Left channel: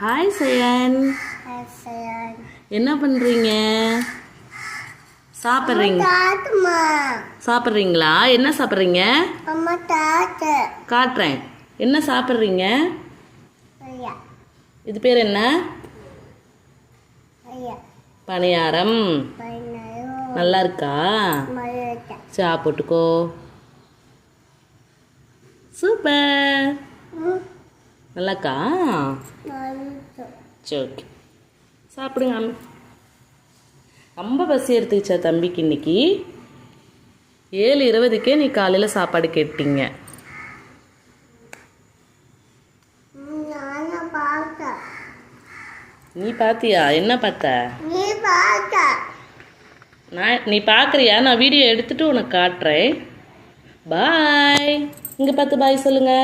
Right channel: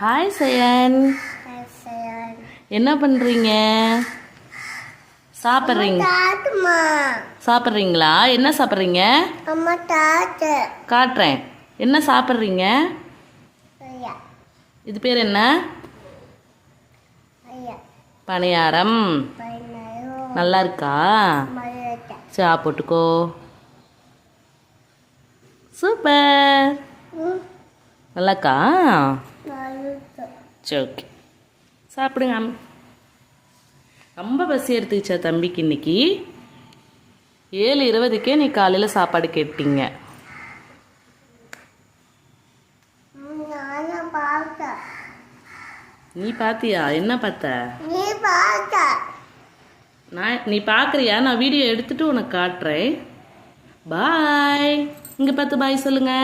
Hi Sayan. என்ன பண்றீங்க? சாப்பிட்றீங்களா? என்ன சாப்பிட்றீங்க? காட்டுறேன். என்ன சாப்பிட்றீங்க? இது பேர் என்ன? பணியாரம். நல்லா இருக்கா? சாப்பிட்டுக்கோ. சூப்பர். நல்லாக்கா? சரி, ஓகே, சாப்பிடுங்க. ரொம்ப பசி எடுத்துக்கிச்சா தம்பிக்கு? இன்னைக்கு 7:20க்கே நீ காலையில் சாப்பாடு கேட்டீங்க. நீ பாத்தியா? என்ன பார்த்த? நீ பார்க்குறியா? நான் வீடியோ எடுத்துட்டு உனக்கு காட்டுறேன். பாய். இங்கே பார்த்து பாய் சொல்லுங்க.